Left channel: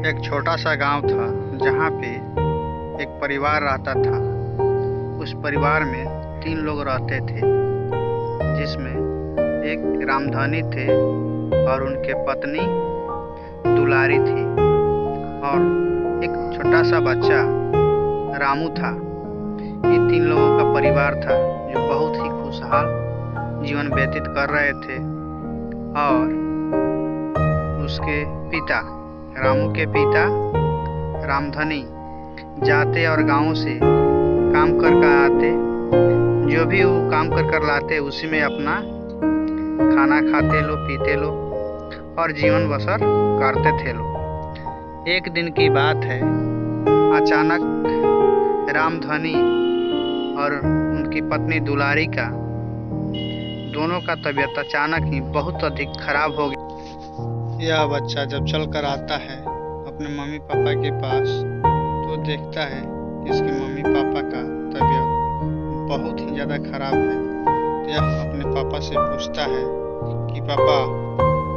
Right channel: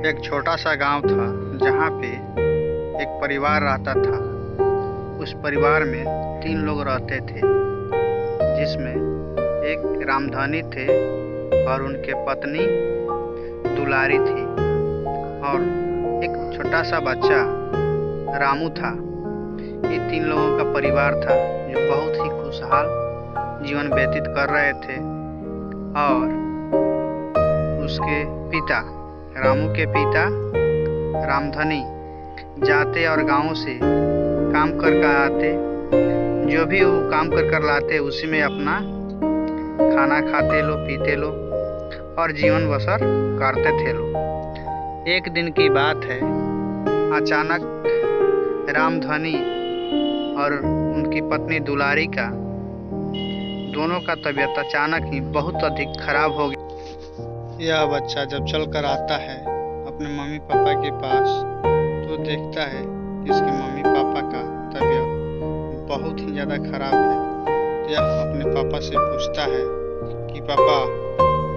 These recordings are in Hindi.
एक छोटा सा गांव था जहाँ पे एक परिवार रहता था। उस परिवार में 3 लोग रहते थे, जिसमें एक रामधनी थे और उनके पत्नी दुलारी थी और एक छोटा सा बच्चा रामू था। ये 3 लोगों का परिवार था जो बहुत ही खुशहाल जीवन व्यतीत कर रहे थे। और उसके पिता, रामू के पिता रामधनी जाते और गांव से काम कर कर आते। जो भी वो काम कर कर लाते उसी में अपना खाना खाते लो, पीते लो और जीवन बसर करते थे लो। एक दिन की बात है, अचानक रामधनी और उनकी पत्नी दुलारी का दोनों का तबीयत अचानक ही बहुत अधिक खराब हो गया। यह बच्चा जब चल कर आता है अपने मम्मी पापा के पास तो देखता है कि इसके मम्मी पापा का तबीयत बहुत ही ज़्यादा खराब है। तो यह अपने पापा से पूछता है कि पापा,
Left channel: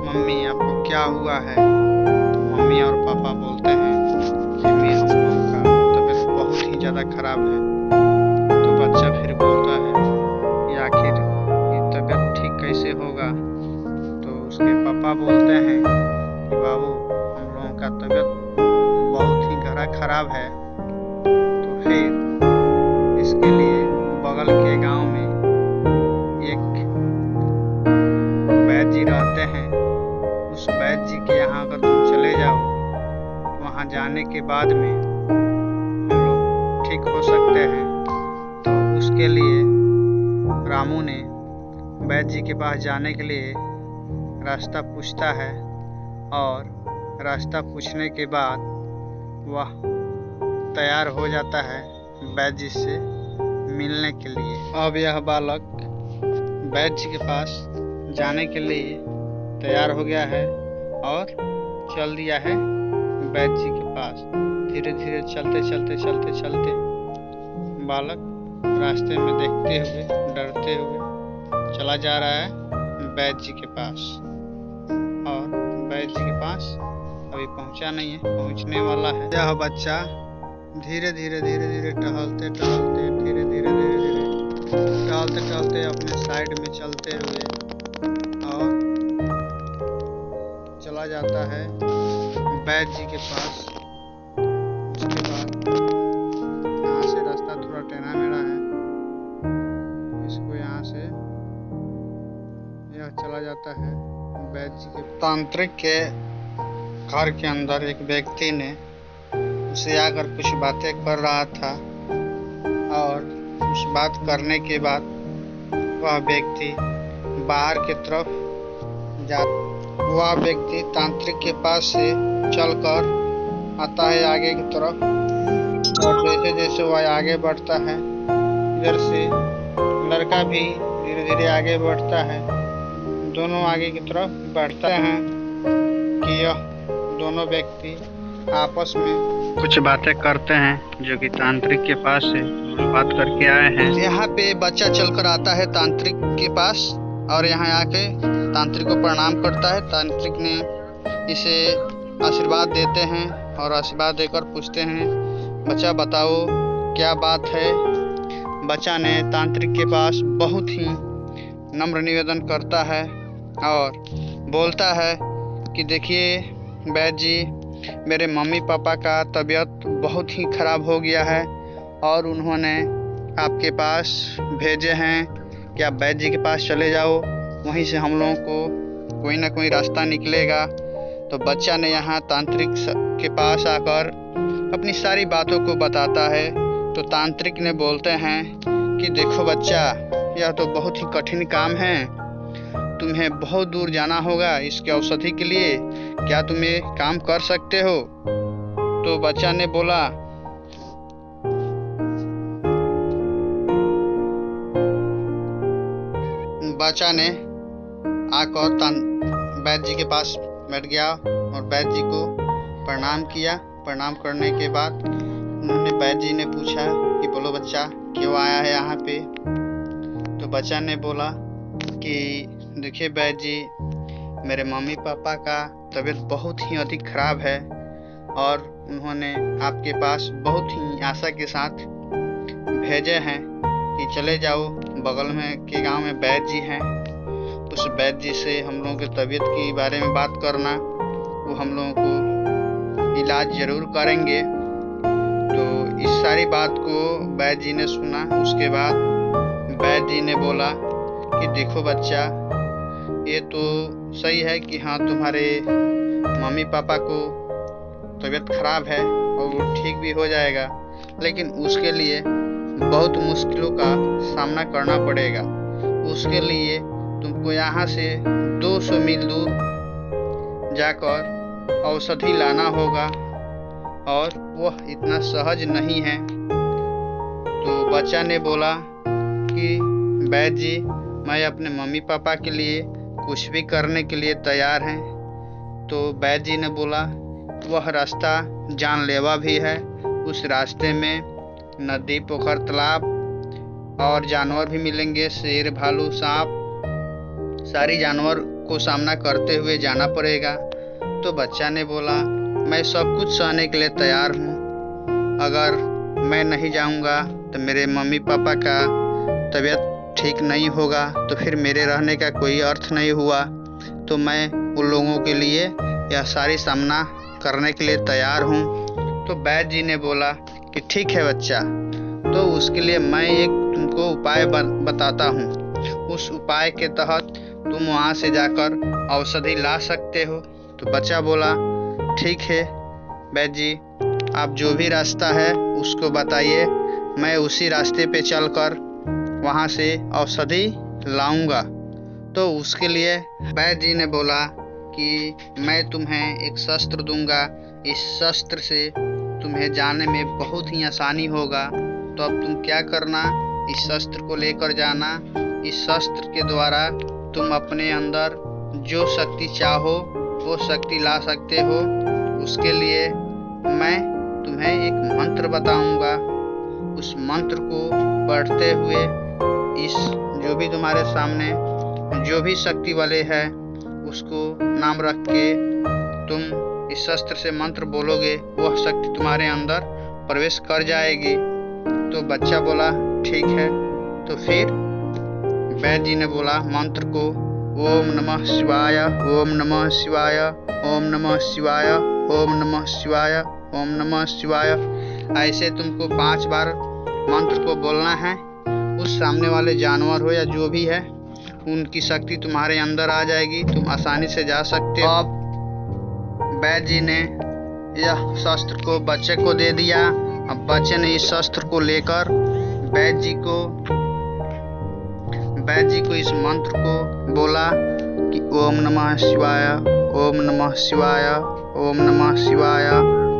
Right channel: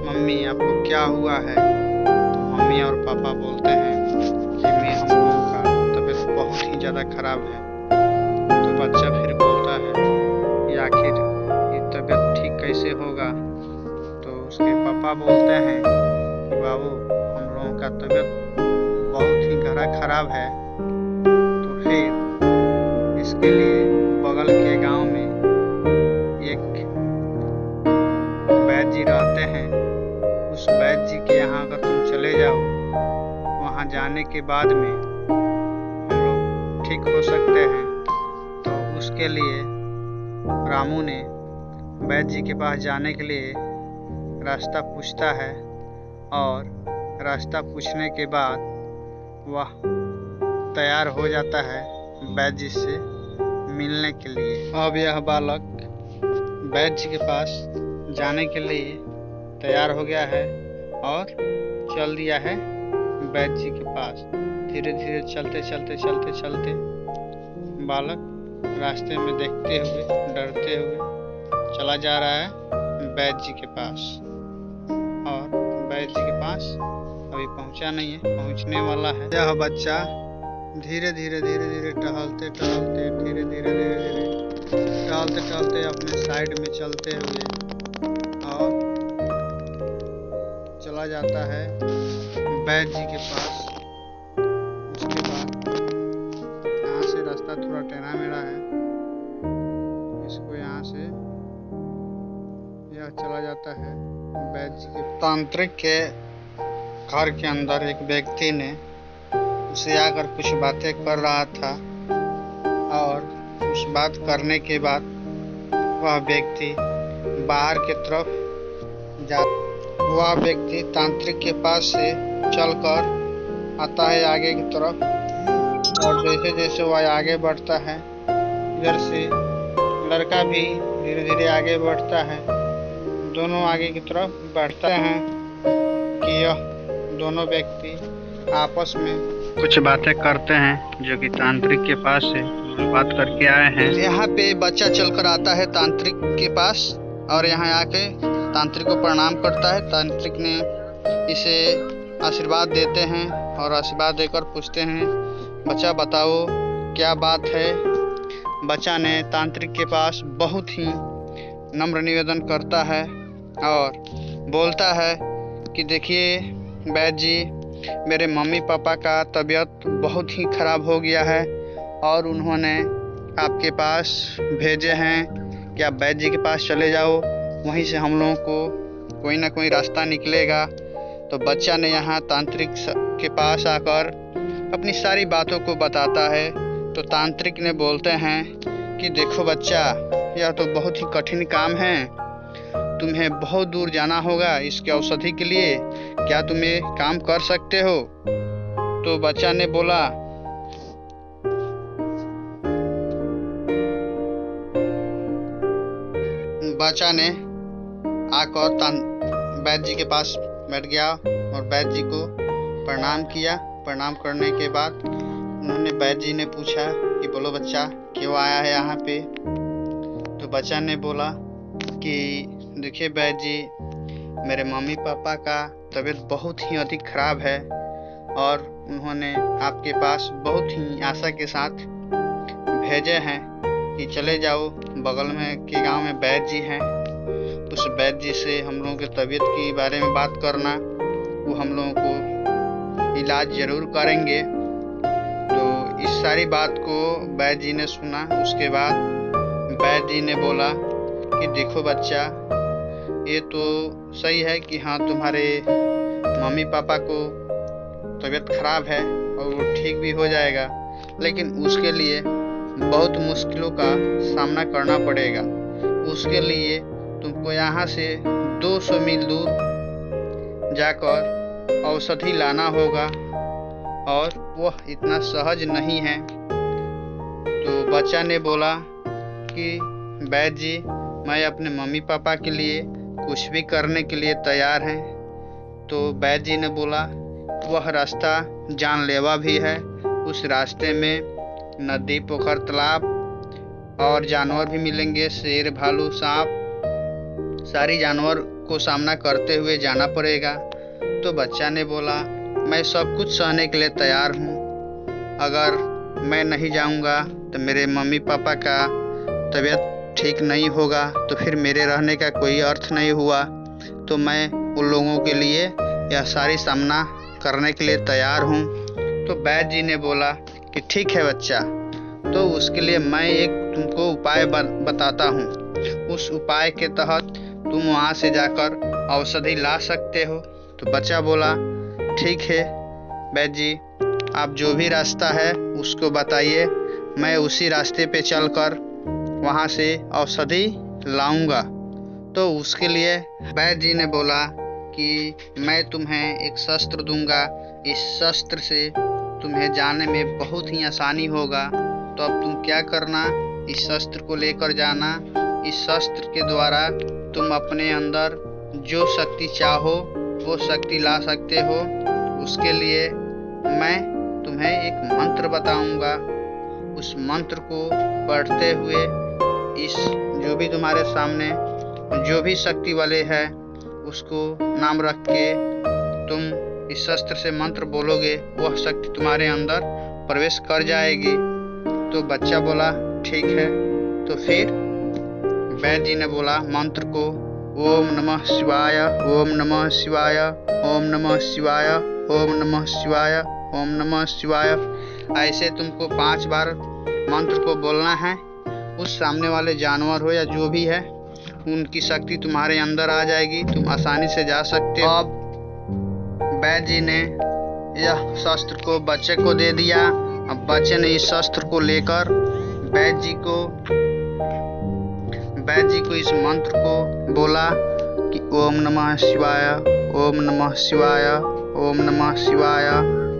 मम्मी आपको क्या हुआ है? तो मम्मी और पापा बोलते हैं कि हम लोगों का तबीयत बहुत ही ज़्यादा खराब है। तो बच्चा फिर बोलता है कि आखिर ये तबीयत ठीक कैसे होगा? तो उसके पापा बोलते हैं कि बाबू, हम लोगों का तबीयत बहुत ही गहरा खराब है। तो फिर इसके लिए बगल के गांव में एक वैद्य जी रहते हैं। उस वैद्य जी के यहाँ अगर तुम चले जाओ तो वहाँ जाने के बाद में हम लोग ठीक हो सकते हैं। तो उसके लिए रामू ने वैद्य जी के पास जाने के लिए रास्ता पूछता है और रास्ता पूछने के बाद वह तैयार हो जाता है वैद्य जी से मिलने के लिए। अब यह बालक वैद्य जी के पास जाने के लिए तैयार हो गया है और चल दिया है वैद्य जी के पास। धीरे धीरे चलते बालक रास्ते में देखते हुए, डरते हुए चला जा रहा है वैद्य जी के पास। और वैद्य जी के पास अभी पहुंचा नहीं है, पहुंचने वाला है। यह बच्चा धीरे धीरे टहलते अपने साइड में चलते हुए और चला जाता है वैद्य जी के पास। उसके बाद यहाँ से रास्ता थोड़ा टेढ़ा मेढ़ा है, इसको यहाँ से यह चला जाता है वैद्य जी के। तांत्रिक के घर के अंदर एक व्यक्ति ने उसे आकर कुछ बातें कर रहा था और उस बात करने के बाद वह व्यक्ति बाहर की तरफ वह व्यक्ति तांत्रिक के पास से चलकर आता है आगे की तरफ। और जैसे जैसे वह आगे बढ़ता है, इधर से लड़का भी धीरे धीरे आगे बढ़ता है। दोनों आगे की तरफ बढ़ते हैं कि यह दोनों व्यक्ति आपस में कुछ बातें करते हैं जो कि तांत्रिक के पास से बात करके आए हैं। यहाँ पे बच्चा चलकर आता है तांत्रिक के पास और यहाँ आके तांत्रिक को प्रणाम करता है। तांत्रिक ने इसे आशीर्वाद देते हैं और आशीर्वाद देकर पूछते हैं, बच्चा बताओ क्या बात है? बच्चा ने तांत्रिक के पास बहुत ही नम्र निवेदन करता है और बोलता है कि देखिए वैद्य जी, मेरे मम्मी पापा का तबीयत बहुत ही खराब हो गया है और उन्होंने आपके पास भेजे हैं कि आप वैद्य जी के पास चले जाओ, वहीं से हम लोगों को कोई ना कोई रास्ता निकलेगा। तो बच्चा ने यहाँ तांत्रिक के पास आकर अपनी सारी बातों को बताता है। तो तांत्रिक ने बोलते हैं कि देखो बच्चा, यह तो बहुत ही कठिन काम है, तुम्हें बहुत दूर जाना होगा इसके औषधि के लिए, क्या तुम ये काम कर सकते हो? तो बच्चा ने बोला, बच्चा ने आकर वैद्य जी के पास बैठ गया और वैद्य जी को प्रणाम किया। प्रणाम करने के बाद उन्होंने वैद्य जी ने पूछा कि बोलो बच्चा, क्यों आया है यहाँ पे? तो बच्चा ने बोला कि देखिए वैद्य जी, मेरे मम्मी पापा का तबीयत बहुत ही अधिक खराब है और उन्होंने आपके पास बहुत ही आशा के साथ भेजे हैं कि चले जाओ, बगल में के गांव में वैद्य जी हैं, उस वैद्य जी से हम लोगों के तबीयत के बारे में बात करना, वो हम लोगों को इलाज ज़रूर करेंगे। तो इस सारी बात को वैद्य जी ने सुना। उसके बाद वैद्य जी ने बोला कि देखो बच्चा, ये तो सही है कि हाँ तुम्हारे मम्मी पापा को तबीयत खराब है और वो ठीक भी हो जाएगा, लेकिन उसके लिए बहुत मुश्किलों का सामना करना पड़ेगा। उसके लिए तुमको यहाँ से 200 मील दूर जाकर औषधि लाना होगा और वह इतना सहज नहीं है। तो बच्चा ने बोला कि वैद्य जी, मैं अपने मम्मी पापा के लिए कुछ भी करने के लिए तैयार हैं। तो वैद्य जी ने बोला वह रास्ता जानलेवा भी है, उस रास्ते में नदी, पोखर, तालाब और जानवर भी मिलेंगे, शेर, भालू, सांप, सारी जानवर को सामना करते हुए जाना पड़ेगा। तो बच्चा ने बोला मैं सब कुछ सहने के लिए तैयार हूँ, अगर मैं नहीं जाऊँगा तो मेरे मम्मी पापा का तबीयत ठीक नहीं होगा, तो फिर मेरे रहने का कोई अर्थ नहीं हुआ। तो मैं उन लोगों के लिए यह सारी सामना करने के लिए तैयार हूँ। तो वैद्य जी ने बोला कि ठीक है बच्चा, तो उसके लिए मैं एक तुमको उपाय बताता हूँ। उस उपाय के तहत तुम वहाँ से जाकर औषधि ला सकते हो। तो बच्चा बोला ठीक है वैद्य जी, आप जो भी रास्ता है उसको बताइए, मैं उसी रास्ते पे चलकर वहाँ से औषधि लाऊंगा। तो उसके लिए वैद्य जी ने बोला कि मैं तुम्हें एक शस्त्र दूंगा, इस शस्त्र से तुम्हें जाने में बहुत ही आसानी होगा। तो अब तुम क्या करना, इस शस्त्र को लेकर जाना। इस शस्त्र के द्वारा तुम अपने अंदर जो शक्ति चाहो वो शक्ति ला सकते हो। उसके लिए मैं तुम्हें एक मंत्र बताऊंगा, उस मंत्र को पढ़ते हुए इस जो भी तुम्हारे सामने जो भी शक्ति वाले है उसको नाम रख के तुम इस शस्त्र से मंत्र बोलोगे, वह शक्ति तुम्हारे अंदर प्रवेश कर जाएगी। तो बच्चा बोला ठीक है। तो फिर वैद्य जी ने बोला मंत्र को ओम नमः शिवाय, ओम नमः शिवाय, ओम नमः शिवाय, ओम नमः शिवाय, ओम नमः शिवाय, ऐसे तुमको 5 बार मंत्र को बोलना है। उस सामने वाले जानवर हो या जो भी है, उनकी शक्ति तुम्हारे अंदर आ जाएगी, तुम आसानी से जा सकते हो। अब वैद्य जी ने यह शस्त्र को बच्चे को दे दिया। अब बच्चे ने इस शस्त्र को लेकर वैद्य जी को इस मंत्र को बोला कि ओम नमः शिवाय, ओम नमः शिवाय, ओम नमः शिवाय,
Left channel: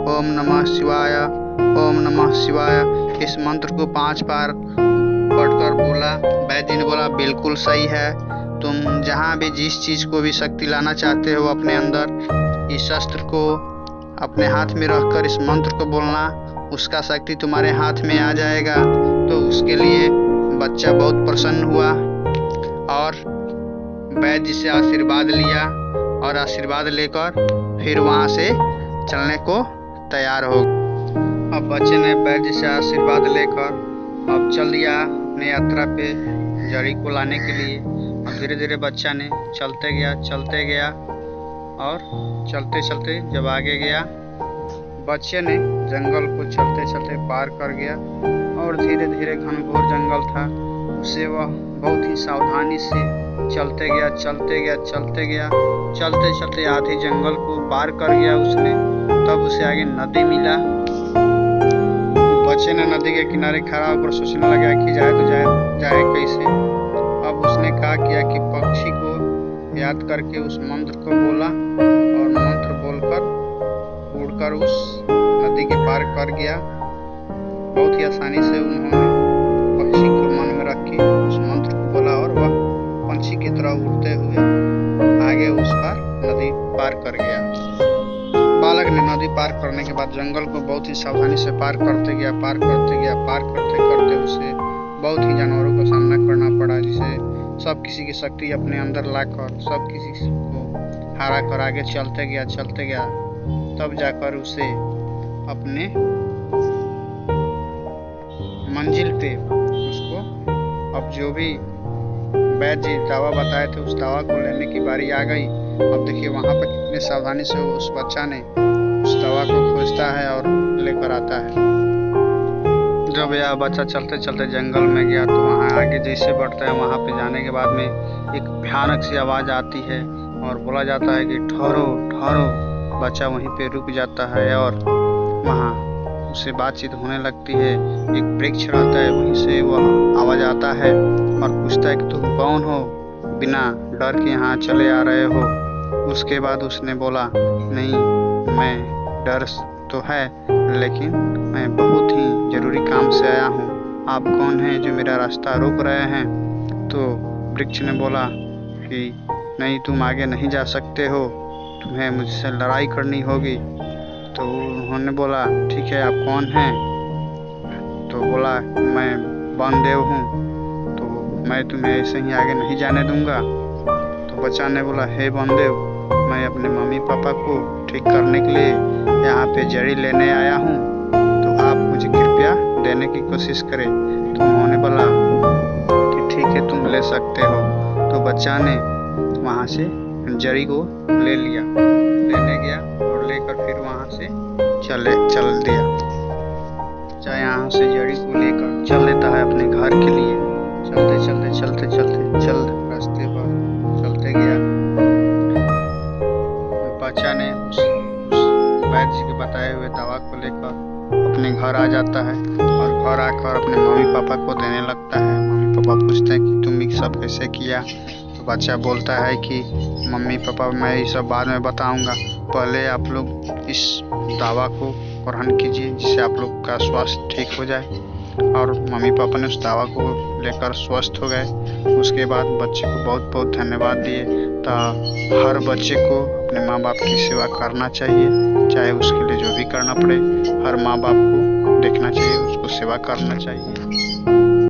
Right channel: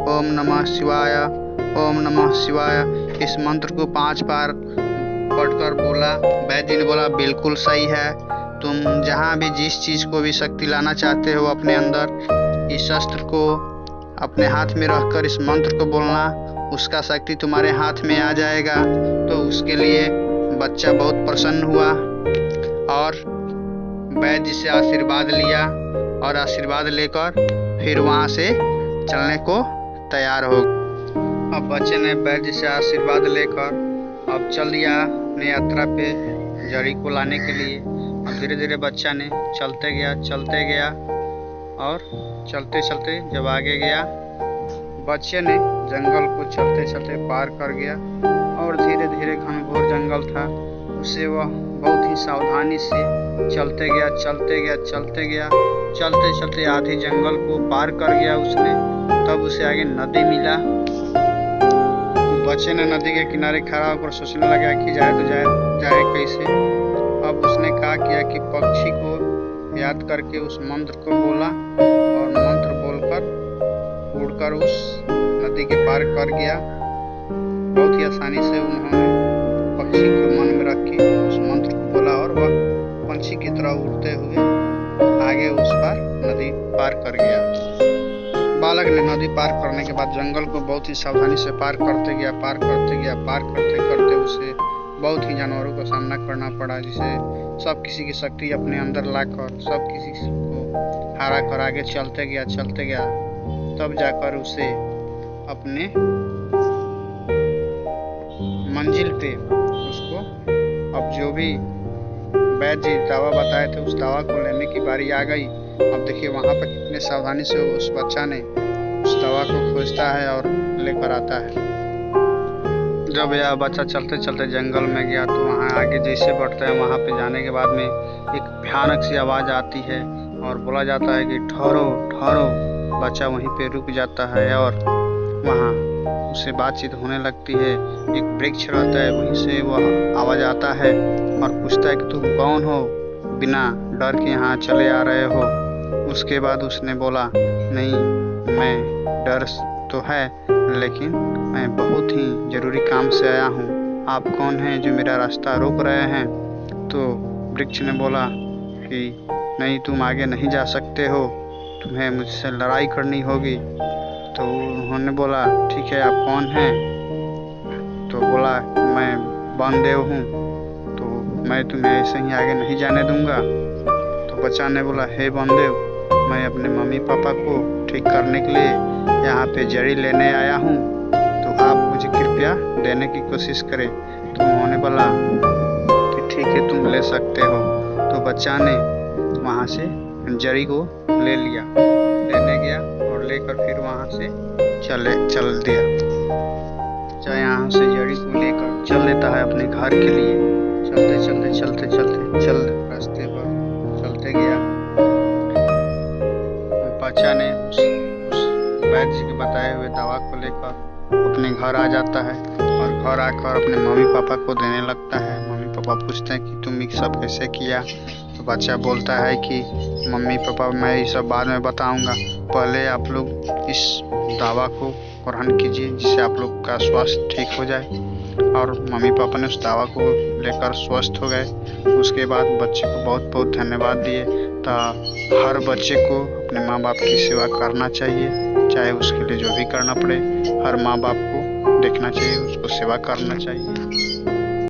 ओम नमः शिवाय, ओम नमः शिवाय। इस मंत्र को 5 बार पढ़कर बोला। वैद्य जी ने बोला बिल्कुल सही है, तुम जहाँ भी जिस चीज़ को भी शक्ति लाना चाहते हो अपने अंदर, इस शस्त्र को अपने हाथ में रखकर इस मंत्र को बोलना, उसका शक्ति तुम्हारे हाथ में आ जाएगा। तो उसके लिए बच्चा बहुत प्रसन्न हुआ और वैद्य जी से आशीर्वाद लिया और आशीर्वाद लेकर फिर वहाँ से चलने को तैयार हो। अब बच्चे ने वैद्य जी से आशीर्वाद लेकर अब चल दिया अपने यात्रा पे जड़ी को लाने के लिए। अब धीरे धीरे बच्चा ने चलते गया और चलते चलते जब आगे गया, बच्चे ने जंगल को चलते चलते पार कर गया और धीरे धीरे घनघोर जंगल था, उसे वह बहुत ही सावधानी से चलते गया। चलते चलते आधी जंगल को पार कर गया उसने। तब उसे आगे नदी मिला। बच्चे ने नदी के किनारे खड़ा होकर सोचने लगा कि जाए तो जाए कैसे। अब उसने क्या किया कि पक्षी को याद करके उस मंत्र को बोला और मंत्र बोलकर उड़कर उस नदी के पार कर गया। बहुत ही आसानी से उन्होंने पक्षी को मन में रख के उस मंत्र को बोला और वह पंछी की तरह उड़ते हुए आगे उस पार नदी पार कर गया। बालक ने नदी पार करने के बाद जंगल को बहुत ही सावधानी से पार करते गया। पार करते उसे बहुत ही जानवरों का सामना करना पड़ा, जिसे सब किसी की शक्ति अपने अंदर लाकर सब किसी को हरा कर आगे चलते गया। तब जाकर उसे अपने मंजिल पे उसको अब जो भी वैद्य जी दवा बताए थे उस दवा को लेने की बारी आ गई। अब देखिए वहाँ पर कितने सावधानी से उस बच्चा ने उस दवा को खोजता है और लेकर आता है। जब यह बच्चा चलते चलते जंगल में गया तो वहाँ आगे जैसे बढ़ता है वहाँ पे जाने के बाद में एक भयानक सी आवाज़ आती है और बोला जाता है कि ठहरो ठहरो। बच्चा वहीं पे रुक जाता है और वहाँ उससे बातचीत होने लगती है। एक वृक्ष रहता है वहीं से वह आवाज़ आता है और पूछता है कि तुम कौन हो, बिना डर के यहाँ चले आ रहे हो। उसके बाद उसने बोला नहीं, मैं डर तो है लेकिन मैं बहुत ही ज़रूरी काम से आया हूँ। आप कौन हैं जो मेरा रास्ता रोक रहे हैं? तो वृक्ष ने बोला कि नहीं, तुम आगे नहीं जा सकते हो, तुम्हें मुझसे लड़ाई करनी होगी। तो उन्होंने बोला ठीक है, आप कौन हैं? तो बोला मैं वामदेव हूँ, तो मैं तुम्हें ऐसे ही आगे नहीं जाने दूंगा। तो बच्चा ने बोला हे वामदेव, मैं अपने मम्मी पापा को ठीक करने के लिए यहाँ पे जड़ी लेने आया हूँ, तो आप मुझे कृपया देने की कोशिश करें। तो उन्होंने बोला कि ठीक है, तुम ले सकते हो। तो बच्चा ने वहाँ से जड़ी को ले लिया, लेने गया और लेकर फिर वहाँ से चल दिया। चाहे यहाँ से जड़ी को लेकर चल लेता है अपने घर के लिए। चलते रास्ते पर चलते गया। बच्चा ने उस वैद्य जी के बताए हुए दवा को लेकर अपने घर आ जाता है और घर आकर अपने मम्मी पापा को देने लगता है। मम्मी पापा पूछते हैं कि तुम ये सब कैसे किया? तो बच्चा बोलता है कि मम्मी पापा मैं ये सब बाद में बताऊंगा, पहले आप लोग इस दवा को ग्रहण कीजिए जिससे आप लोग का स्वास्थ्य ठीक हो जाए। और मम्मी पापा ने उस दवा को लेकर स्वस्थ हो गए। उसके बाद बच्चे को बहुत बहुत धन्यवाद दिए। तो हर बच्चे को अपने माँ बाप की सेवा करना चाहिए, चाहे उसके लिए जो भी करना पड़े। हर माँ बाप को देखना चाहिए, उसको सेवा करना चाहिए।